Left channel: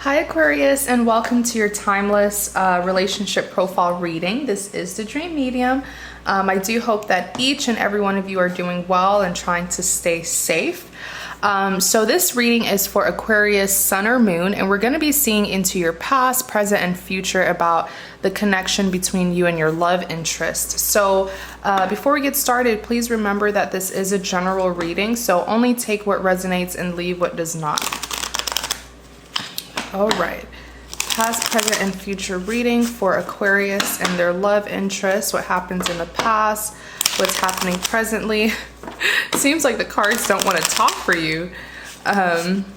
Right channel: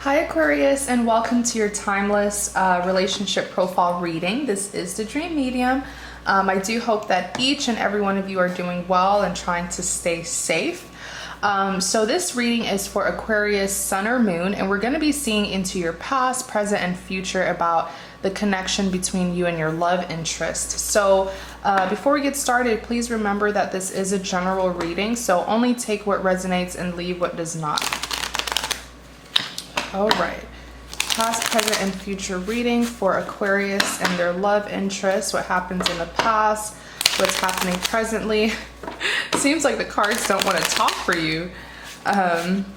Hi Aquarius, and welcome to your timeless relationship profile reading. This is the Dream Medium. I do hope that each and every one of you are doing well and trying to stay safe. So this reading is for Aquarius, Sun or Moon, and we're going to be seeing into your past, present, and future about the connection between you and your love interest. So before we get started, please remember that this is a general reading, so only take what resonates and leave what does not. All right, past, present, and future reading for Aquarius and their love interest. What happens in the past, what's happening presently. Seems like the cards don't want to talk for you. Past,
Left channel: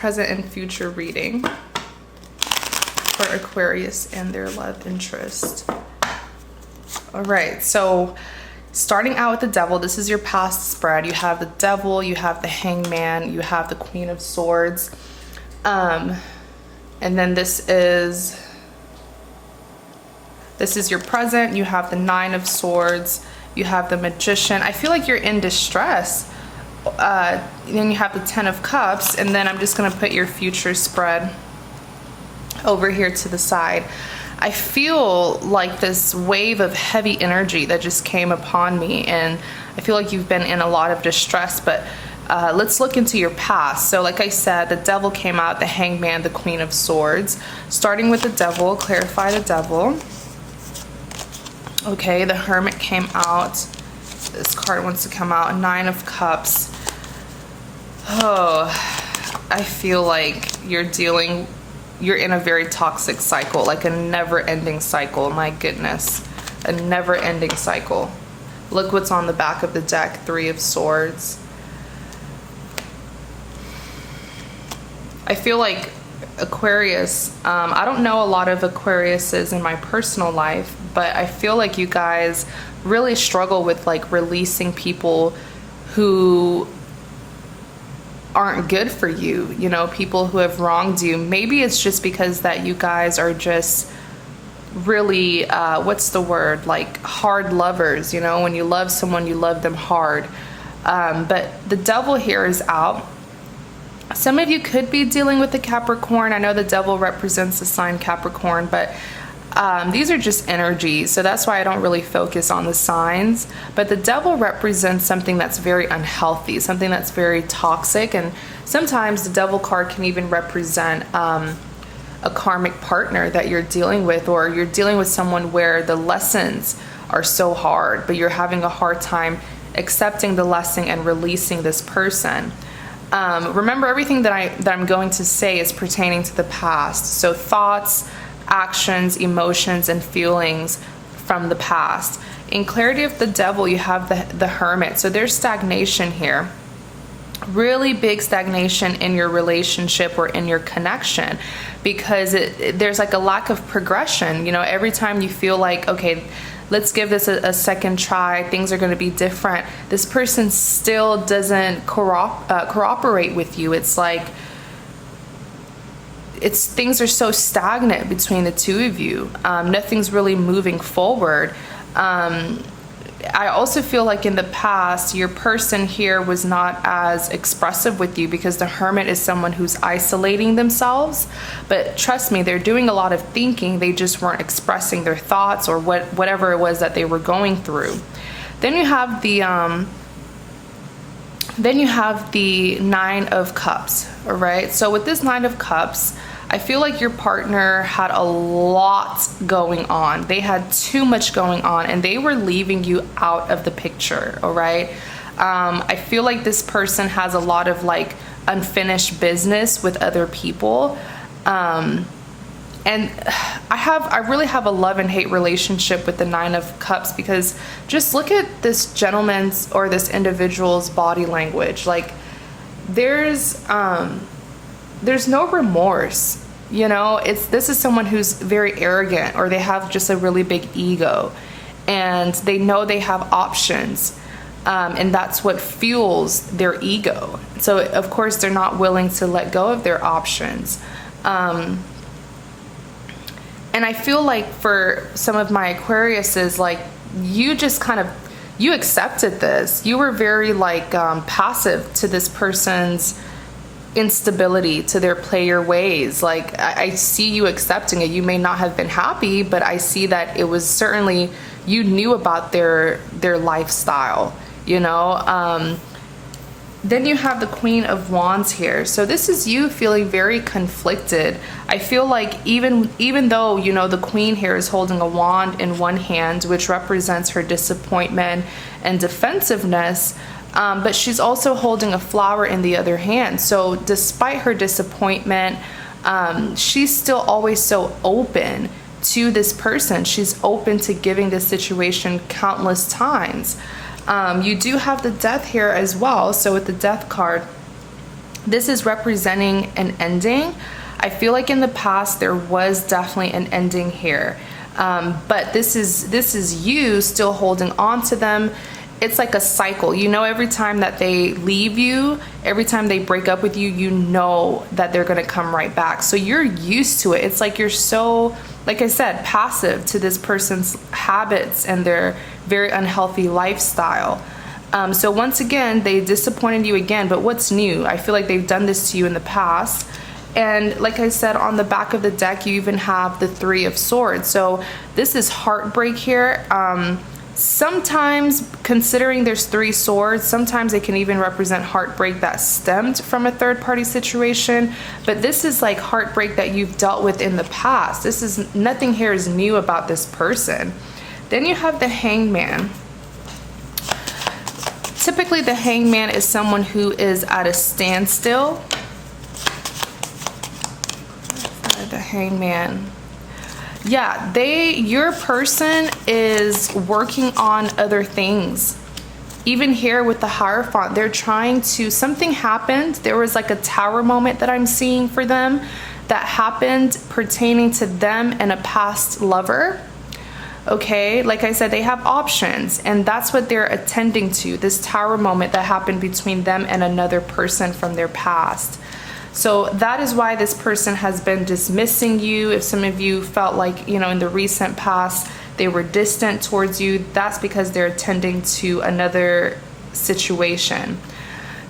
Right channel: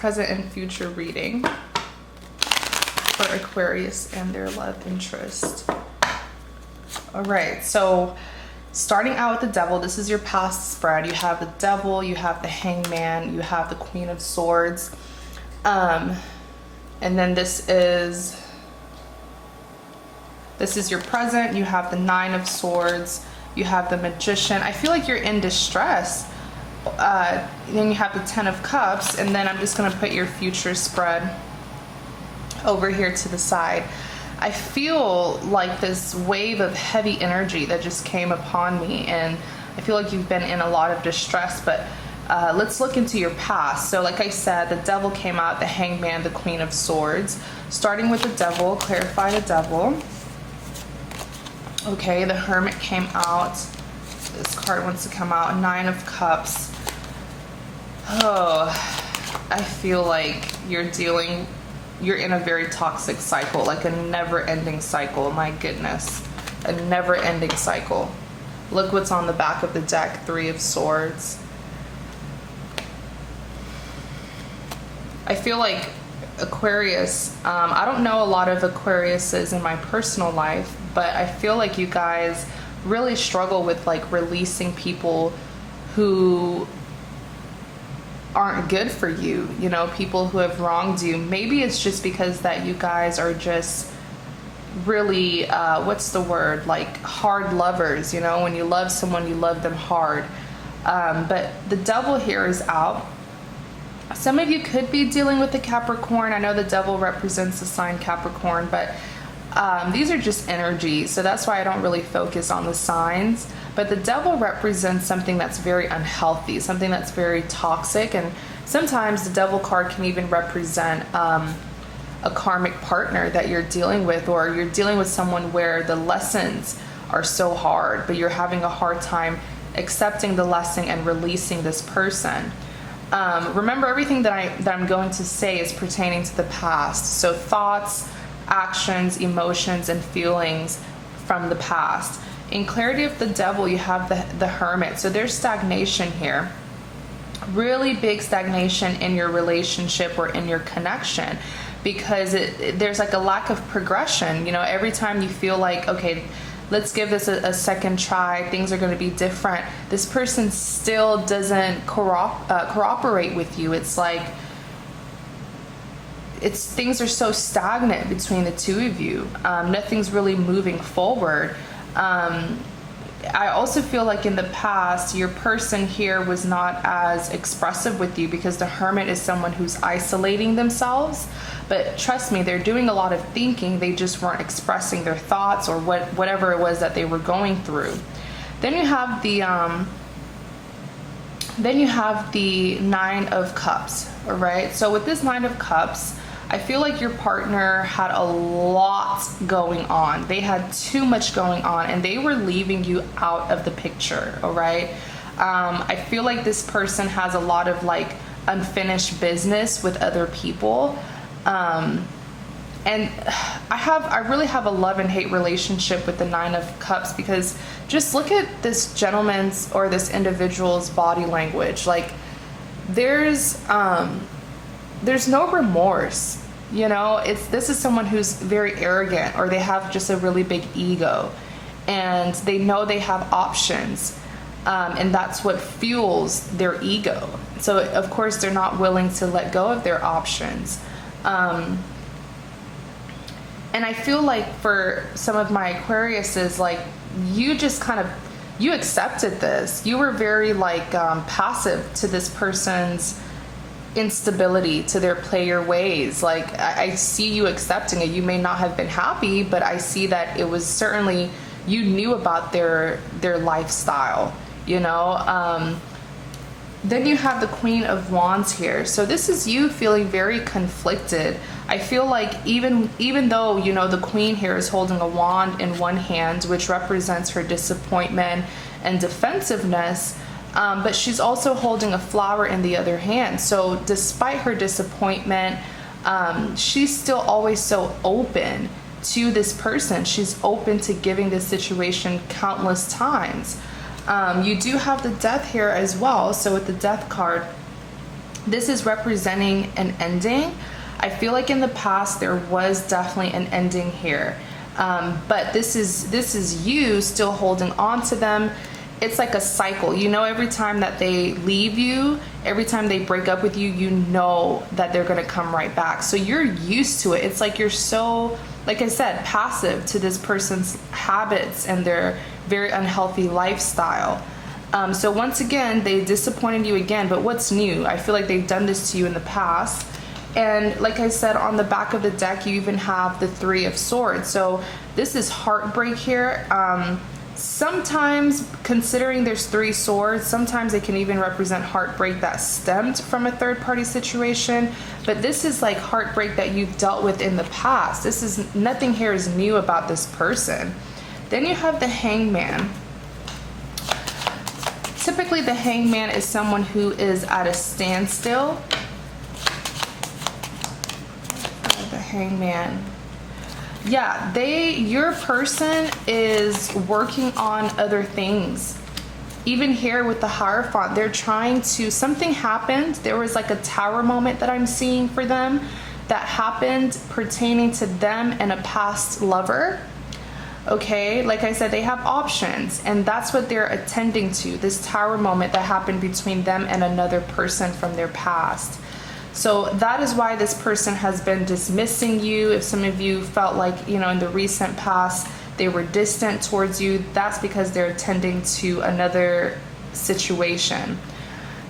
present, and future reading for Aquarius and their love interest. All right, so starting out with the Devil, this is your past spread. You have the Devil, you have the Hangman, you have the Queen of Swords. And then this is your present. You have the Nine of Swords, you have the Magician. I feel like you're in distress. Then you have the Ten of Cups, and then I'm just going to put your future spread over here to the side. I feel like this wave of heavy energy that just came upon me, and I feel like you've been in a lot of distress, but let's look into your past. So like I said, the Devil came out, the Hangman, the Queen of Swords. Starting with the Devil, clarify the Devil. Okay, the Hermit came out. This card wants to come out, Nine of Cups. Oh, I feel like you're in a very toxic cycle, like a never-ending cycle. My goodness, a never-ending cycle. Look what's on the back of the deck, Three of Swords. I feel like Aquarius, I don't know a lot of Aquariuses in my personal life, but I feel like you guys really struggle with like releasing people who aren't good for you, you know, people who have wronged you. Maybe it's just because that you guys are just really, what's the word, like hard lovers, you know, when you love someone, you love them hard. But the Devil here is out. Some of you could be dealing with the Capricorn. I know the Devil represents the sign Capricorn, but these are just energies, so that's why I don't really focus on the signs. But the Devil represents something that's very unhealthy, something that's very toxic, and sometimes the Devil card can even represent a karmic partner that you're dealing with, or you're dealing with someone where the lessons are so hard, but you're having a hard time accepting the lesson and releasing this person. Remember, everything that I'm going to say is pertaining to the past. So thoughts, actions, emotions, and feelings from the past. In clarity of the Devil, you have the Hermit. So there's stagnation here. Really big stagnation in your relationship or in your connection, because there's like a lack of progression. You know, every time you feel like, okay, let's give this a second try, things are going to be different, this person still doesn't cooperate with you. It's like things are so stagnant between the two of you. Nothing's really moving forward. I also feel like in the past, your person here was not as expressive with you, because the Hermit is someone who's isolating themselves. But trust me, they're doing a lot of thinking. They just weren't expressing their thoughts or whatever it was that they were going through. Then you have the Nine of Cups. All right. So with this Nine of Cups, I feel like your partner had a lot going on. They had too much going on, and they were leaving you out of the picture. All right. I feel like this person has a lot of like unfinished business with other people. And I really have a love and hate relationship with the Nine of Cups, because just look at this gentleman's or this individual's body language. Like there's no remorse, you know. This is someone who's very arrogant, or they have just a really big ego, and they know they have options, and that's what fuels their ego. So of course they're not willing to let go of their options. And I feel like for some of my Aquariuses, like you just kind of, you accepted this. You were very like passive to this person's instability to their player ways. Like I see you accepting it. You may not have been happy, but I see that it was certainly, you knew about their lifestyle, you know. Then you have the Queen of Wands here. So this is you feeling very conflicted. I feel like even though, you know, the Queen here is holding a wand in one hand, which represents her disappointment and defensiveness, but she's also holding a flower in the other hand. So despite her disappointment, she's still always so open to this person. She's open to giving this situation countless times. You do have the Death here as well. So with the Death card, this is representing an ending. I feel like in the past there was definitely an ending here, but this is you still holding on to them. It's like a cycle, you know. Every time that they leave you, every time they break up with you, you know that they're going to come right back. So you're used to it. It's like you're so, like I said, passive to this person's habits and their very unhealthy lifestyle. So once again, they disappointed you again, but what's new? I feel like they've done this to you in the past. And like I said, on the back of the deck, you even have the Three of Swords. So this is heartbreak here. Sometimes, considering there's three swords, sometimes it can even represent heartbreak that stemmed from a third-party situation. But this is like heartbreak that you've dealt with in the past. This is, nothing here is new about this person. Then you have the Hangman. Typically, the Hangman is someone who is at a standstill. The Hangman. Yeah, your person is working on other things. Even here with the Hierophant, they're trying to, something happened. There was like a tower moment that I'm seeing for them that happened pertaining to them and a past lover. Okay, like I said, they have options, and that's what they're attending to, this tower moment that happened between them and another person from their past. So that is why this person has been dismissing you. If some of you felt like, you know, in the recent past they were distant towards you, that's because they're attending to another situation.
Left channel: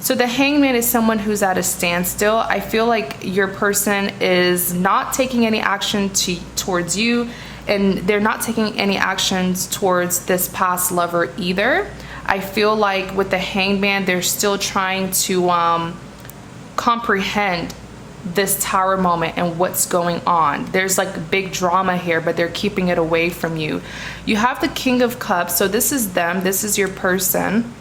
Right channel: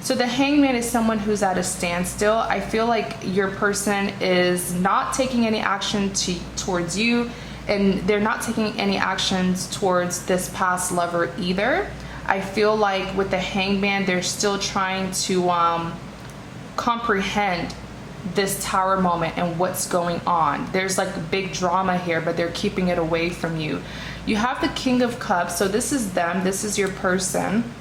So the Hangman is someone who's at a standstill. I feel like your person is not taking any action towards you, and they're not taking any actions towards this past lover either. I feel like with the Hangman, they're still trying to comprehend this tower moment and what's going on. There's like big drama here, but they're keeping it away from you. You have the King of Cups. So this is them. This is your person.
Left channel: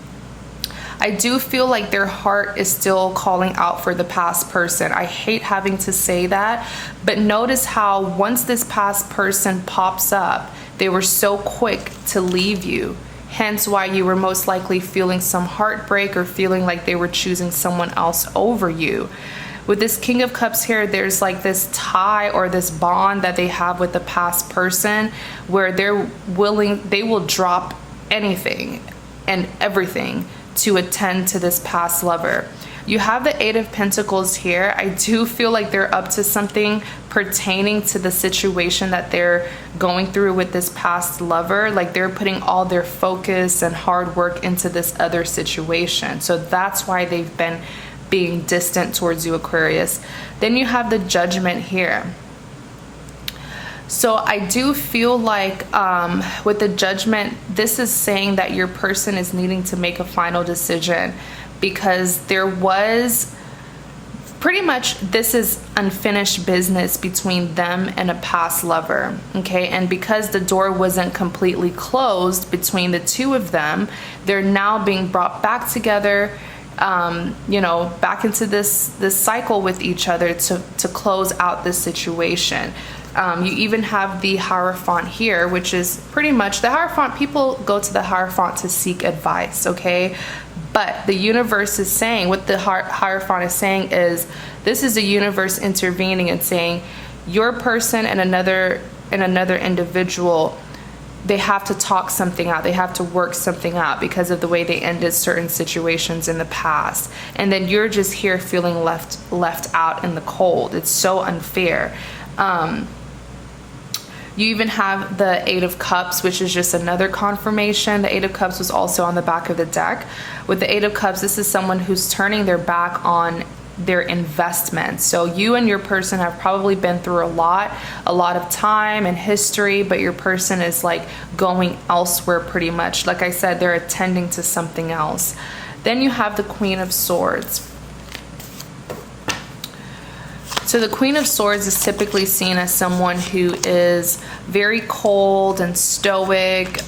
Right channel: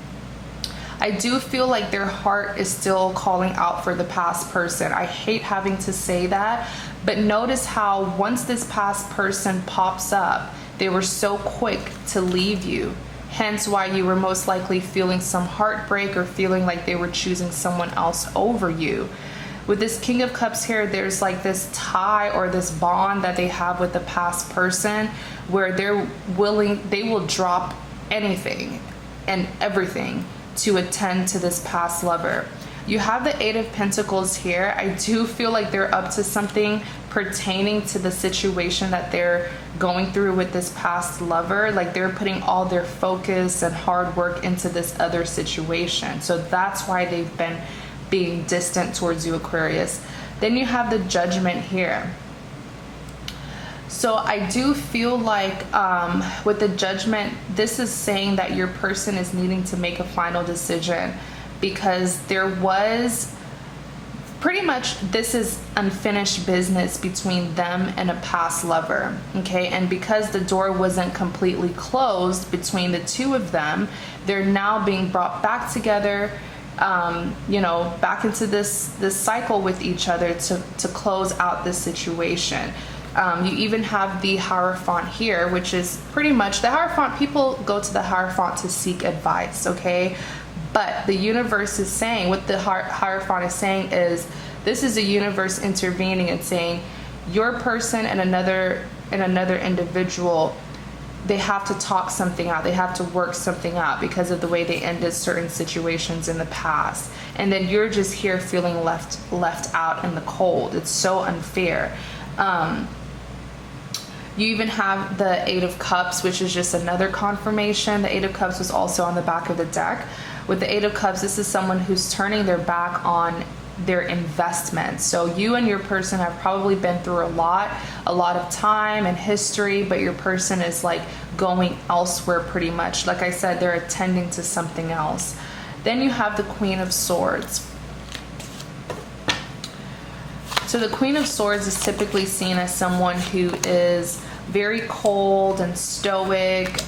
I do feel like their heart is still calling out for the past person. I hate having to say that, but notice how once this past person pops up, they were so quick to leave you. Hence why you were most likely feeling some heartbreak or feeling like they were choosing someone else over you. With this King of Cups here, there's like this tie or this bond that they have with the past person where they will drop anything and everything to attend to this past lover. You have the Eight of Pentacles here. I do feel like they're up to something pertaining to the situation that they're going through with this past lover. Like they're putting all their focus and hard work into this other situation. So that's why they've been being distant towards you, Aquarius. Then you have the Judgment here. So I do feel like with the Judgment, this is saying that your person is needing to make a final decision, because there was pretty much, this is unfinished business between them and a past lover. Okay, and because the door wasn't completely closed between the two of them, they're now being brought back together, you know, back into this cycle with each other to close out this situation. You even have the Hierophant here, which is pretty much the Hierophant. People go to the Hierophant to seek advice, okay? But the universe is saying, what the Hierophant is saying is, this is the universe intervening and saying, your person and another individual, they have to talk something out. They have to work something out because of the way they ended certain situations in the past. And then you're just here feeling left out in the cold. It's so unfair. You even have the Eight of Cups, which is just another confirmation. The Eight of Cups was also on the back of the deck. With the Eight of Cups, this is someone who's turning their back on their investment. So you and your person have probably been through a lot of time and history, but your person is like going elsewhere pretty much. Like I said, they're attending to something else. Then you have the Queen of Swords. So the Queen of Swords is typically seen as someone who is very cold and stoic,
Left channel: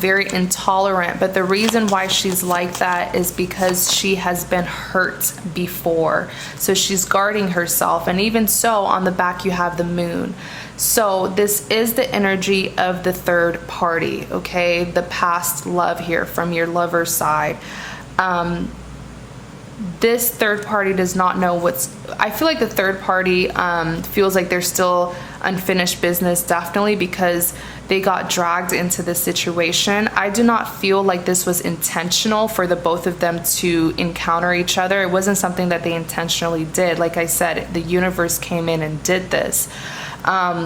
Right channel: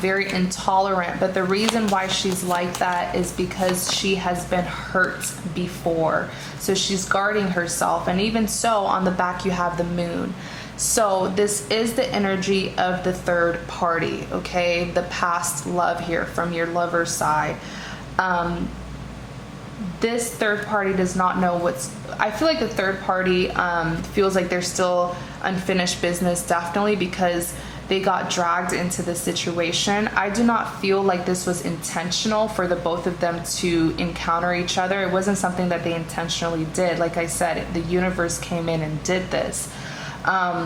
very intolerant. But the reason why she's like that is because she has been hurt before. So she's guarding herself. And even so, on the back you have the Moon. So this is the energy of the third party, okay? The past love here from your lover's side. This third party does not know I feel like the third party feels like there's still unfinished business, definitely, because they got dragged into this situation. I do not feel like this was intentional for the both of them to encounter each other. It wasn't something that they intentionally did. Like I said, the universe came in and did this.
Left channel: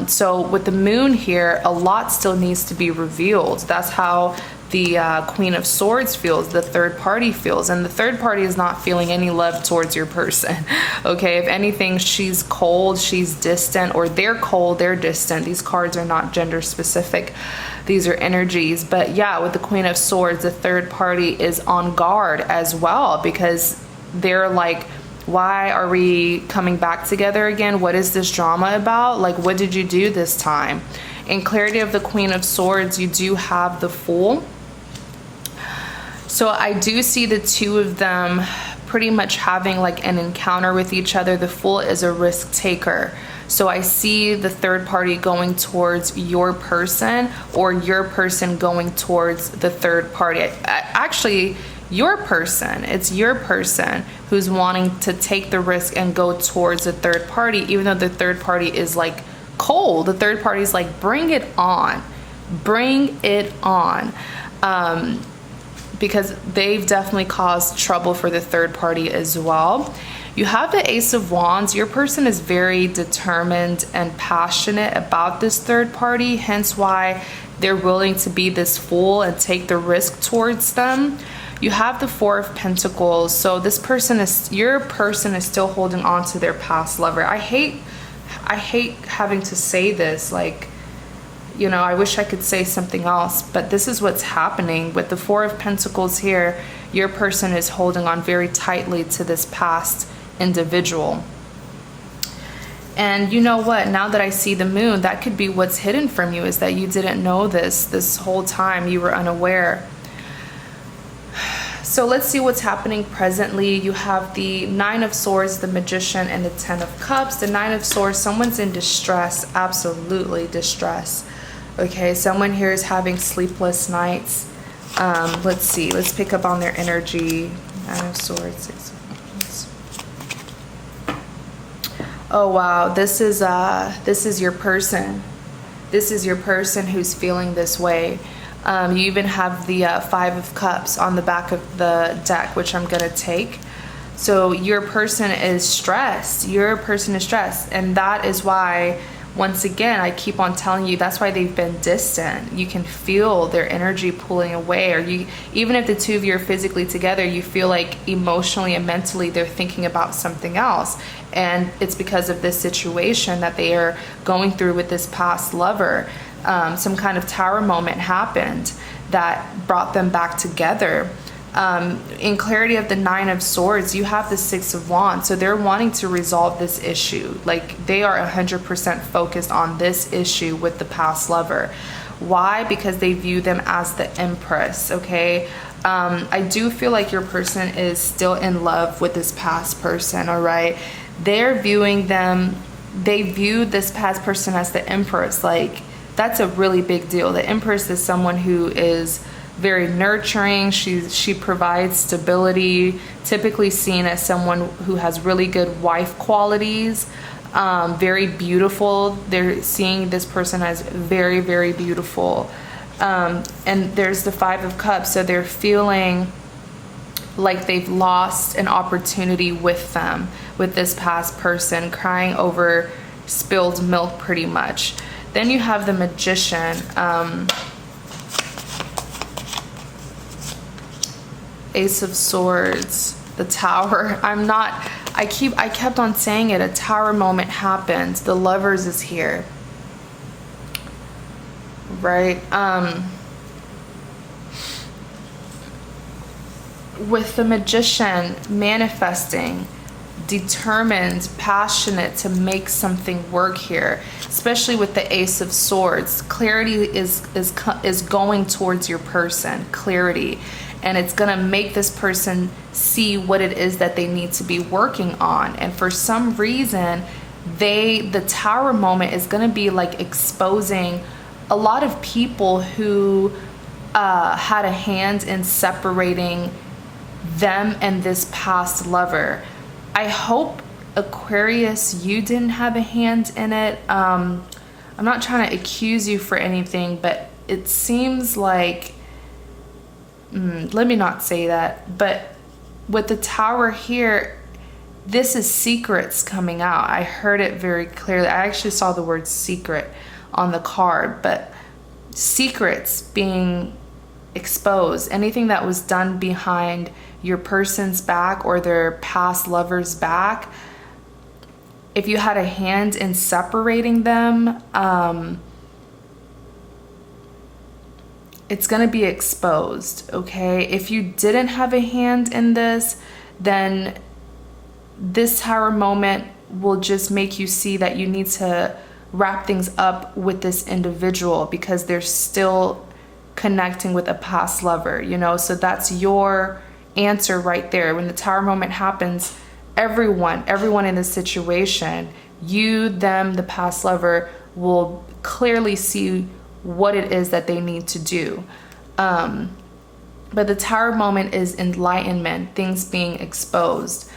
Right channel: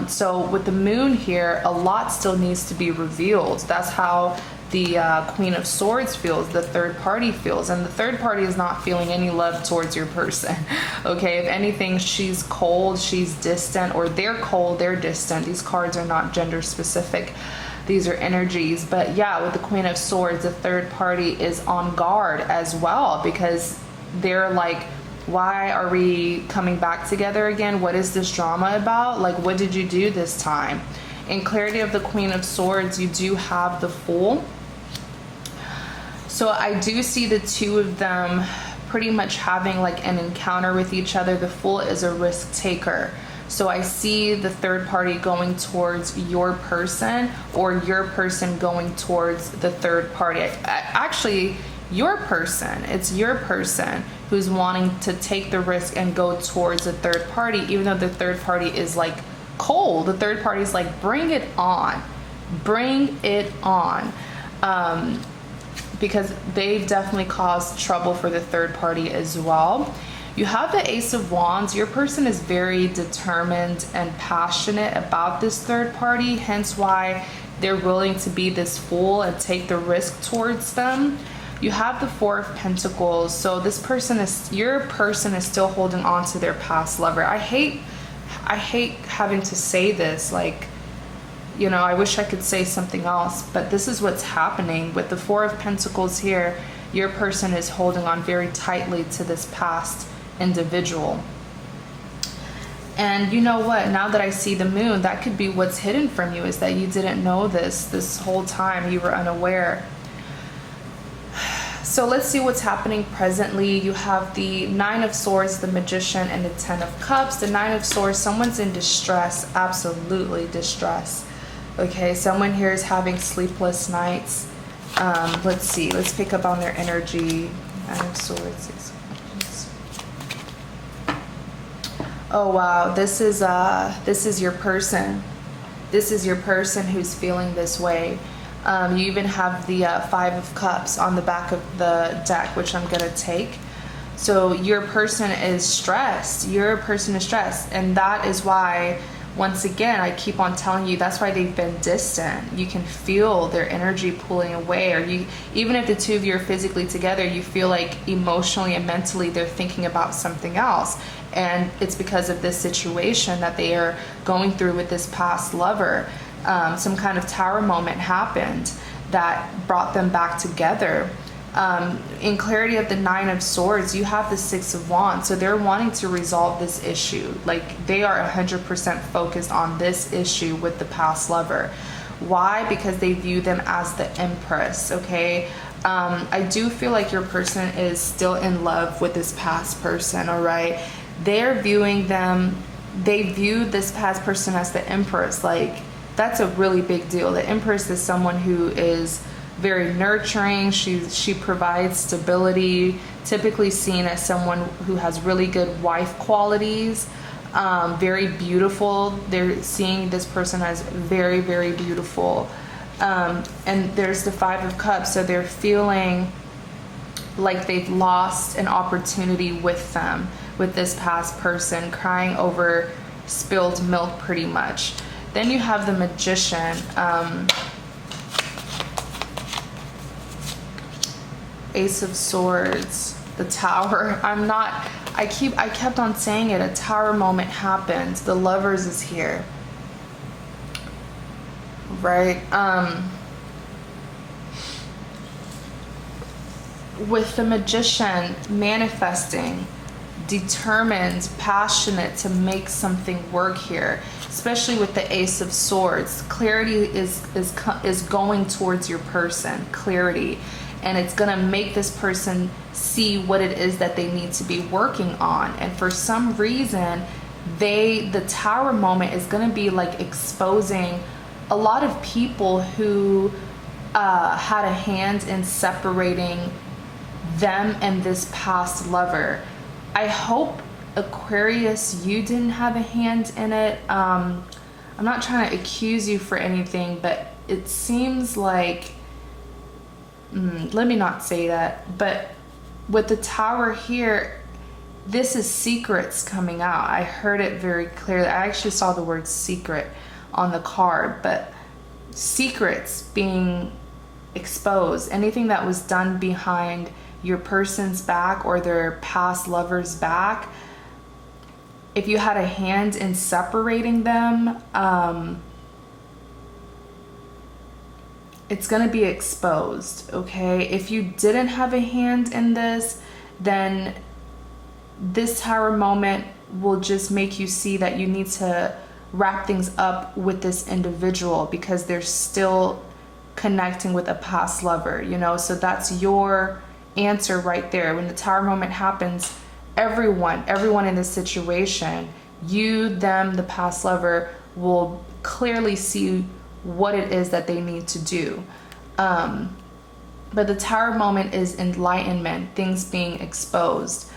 So with the Moon here, a lot still needs to be revealed. That's how the Queen of Swords feels, the third party feels, and the third party is not feeling any love towards your person. Okay, if anything, she's cold, she's distant, or they're cold, they're distant. These cards are not gender specific. These are energies. But yeah, with the Queen of Swords, the third party is on guard as well, because they're like, why are we coming back together again? What is this drama about? Like, what did you do this time? In clarity of the Queen of Swords, you do have the Fool. So I do see the two of them pretty much having like an encounter with each other. The Fool is a risk taker. So I see the third party going towards your person, or your person going towards the third party. Actually, your person. It's your person who's wanting to take the risk and go towards the third party, even though the third party is like cold. The third party is like, bring it on. Bring it on. Because they've definitely caused trouble for the third party as well. You have the Ace of Wands. Your person is very determined and passionate about this third party, hence why they're willing to be this fool and take the risk towards them. You have the Four of Pentacles. So this person is, your person is still holding on to their past lover. I hate having to say this, like, you know, I wish I could say something else, but this is what's happening. With the Four of Pentacles here, your person is holding on very tightly to this past individual. And you know what? Now that I see the Moon, that could be what's hidden from you, is that you didn't know this whole time. You were unaware. So let's see what's happening presently. You have the Nine of Swords, the Magician, and the Ten of Cups. The Nine of Swords, someone's in distress, absolutely distress. Okay, someone here is having sleepless nights. Let's see, let's pick up on their energy. Nine of Swords, Six of Wands. Oh wow, this is your person. This is your person who's feeling this way. You even have the Five of Cups on the back of the deck, which I'm gonna take. So your person is stressed. Your person is stressed, and that is why, once again, I keep on telling you, that's why they've been distant. You can feel their energy pulling away, or you, even if the two of you are physically together, you feel like emotionally and mentally they're thinking about something else. And it's because of this situation that they are going through with this past lover. Some kind of tower moment happened that brought them back together. In clarity of the Nine of Swords, you have the Six of Wands. So they're wanting to resolve this issue. Like, they are 100% focused on this issue with the past lover. Why? Because they view them as the Empress, okay? I do feel like your person is still in love with this past person, all right? They're viewing them, they view this past person as the Empress. Like, that's a really big deal. The Empress is someone who is very nurturing. She provides stability, typically seen as someone who has really good wife qualities, very beautiful. They're seeing this person as very, very beautiful. And there's the Five of Cups, so they're feeling like they've lost an opportunity with them, with this past person, crying over spilled milk pretty much. Then you have the Magician. Ace of Swords, the Tower. I kept on saying it. A Tower moment happens. The Lovers is here. Right? With the Magician, manifesting, determined, passionate to make something work here, especially with the Ace of Swords. Clarity is going towards your person, clarity, and it's going to make this person see what it is that they need to be working on. And for some reason, the Tower moment is going to be like exposing a lot of people who had a hand in separating them and this past lover. I hope, Aquarius, you didn't have a hand in it. I'm not trying to accuse you for anything, but it seems like, let me not say that, but with the Tower here, this is secrets coming out. I heard it very clearly. I actually saw the word secret on the card, but secrets being exposed, anything that was done behind your person's back or their past lover's back, if you had a hand in separating them, it's going to be exposed, okay? If you didn't have a hand in this, then this Tower moment will just make you see that you need to wrap things up with this individual because they're still connecting with a past lover, you know? So that's your answer right there. When the Tower moment happens, everyone in this situation, you, them, the past lover, will clearly see what it is that they need to do. But the Tower moment is enlightenment, things being exposed.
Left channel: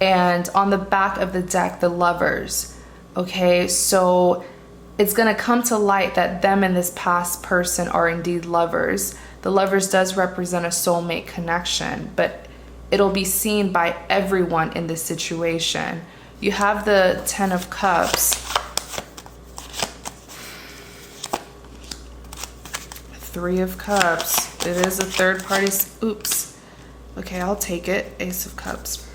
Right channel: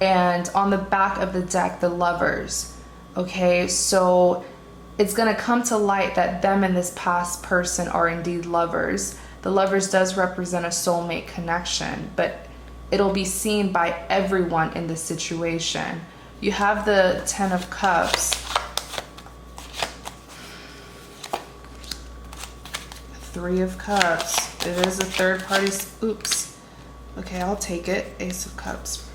And on the back of the deck, the Lovers. Okay, so it's going to come to light that them and this past person are indeed lovers. The Lovers does represent a soulmate connection, but it'll be seen by everyone in this situation. You have the Ten of Cups. Three of Cups. It is a third party. Oops. Okay, I'll take it. Ace of Cups.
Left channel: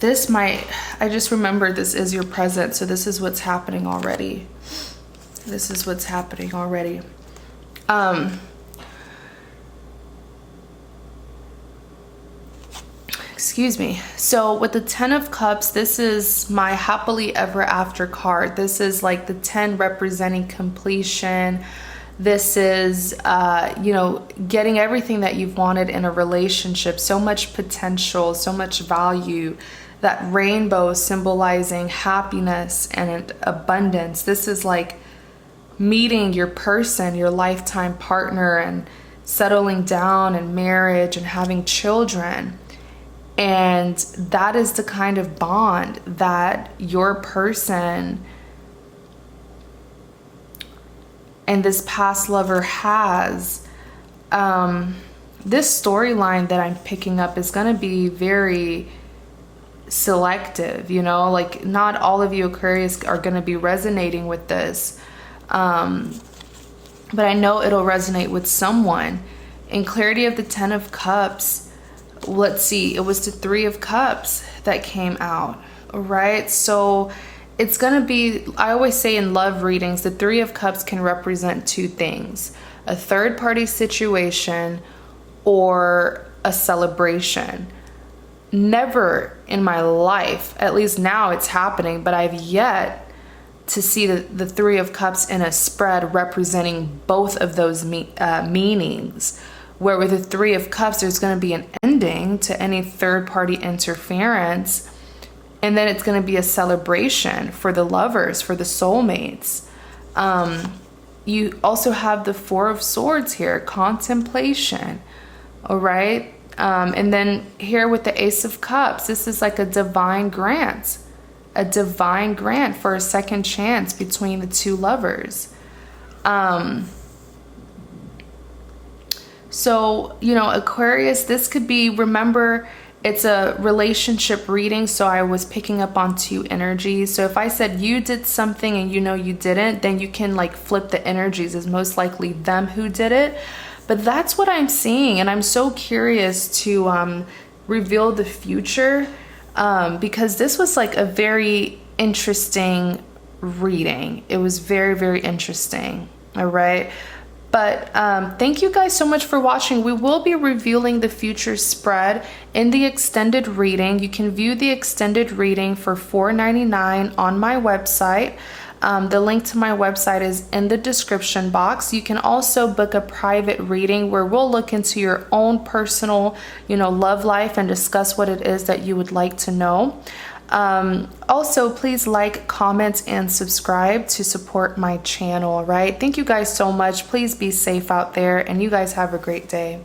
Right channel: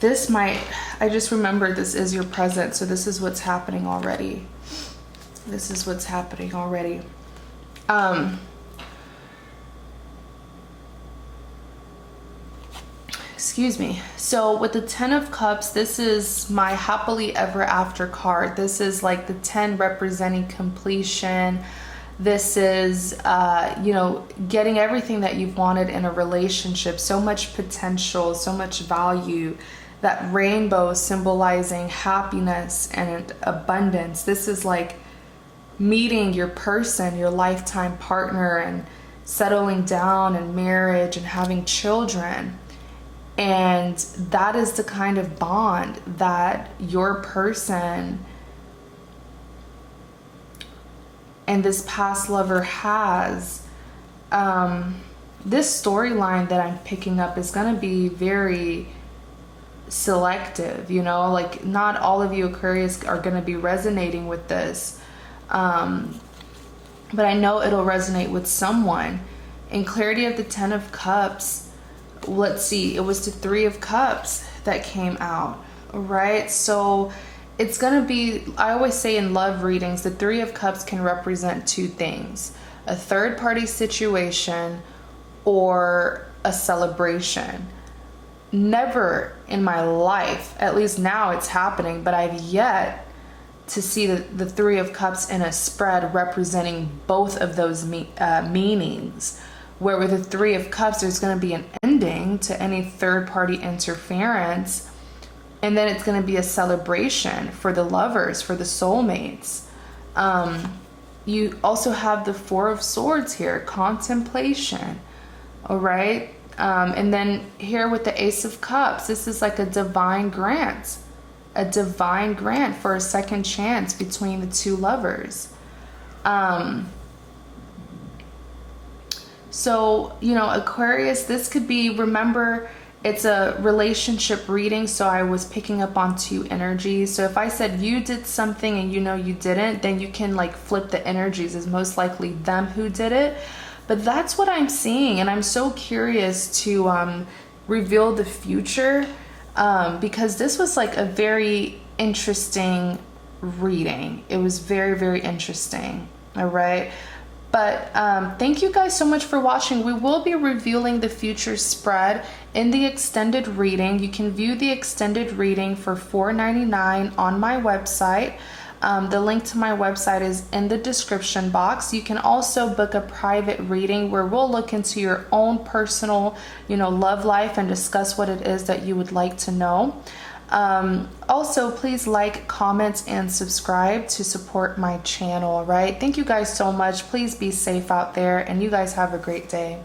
This might, I just remembered this is your present, so this is what's happening already. This is what's happening already. Excuse me. So with the Ten of Cups, this is my happily ever after card. This is like the 10 representing completion. This is, you know, getting everything that you've wanted in a relationship. So much potential, so much value. That rainbow symbolizing happiness and abundance. This is like meeting your person, your lifetime partner, and settling down in marriage and having children. And that is the kind of bond that your person and this past lover has. This storyline that I'm picking up is going to be very selective, you know, like not all of you Aquarius are going to be resonating with this. But I know it'll resonate with someone. In clarity of the Ten of Cups, let's see, it was the Three of Cups that came out, all right? So it's going to be, I always say in love readings, the Three of Cups can represent two things: a third party situation or a celebration. Never in my life, at least now it's happening, but I've yet to see the Three of Cups in a spread representing both of those meanings. Where with the Three of Cups, there's going to be an ending to any third-party interference, and then it's going to be a celebration for the lovers, for the soulmates. You also have the Four of Swords here, contemplation, all right? And then here with the Ace of Cups, this is like a divine grant for a second chance between the two lovers. So, you know, Aquarius, this could be, remember, it's a relationship reading, so I was picking up on two energies. So if I said you did something and you know you didn't, then you can like flip the energies. It's most likely them who did it. But that's what I'm seeing, and I'm so curious to reveal the future, because this was like a very interesting reading. It was very, very interesting. All right. But thank you guys so much for watching. We will be revealing the future spread in the extended reading. You can view the extended reading for $4.99 on my website. The link to my website is in the description box. You can also book a private reading where we'll look into your own personal, love life and discuss what it is that you would like to know. Also, please like, comment, and subscribe to support my channel, right? Thank you guys so much. Please be safe out there, and you guys have a great day.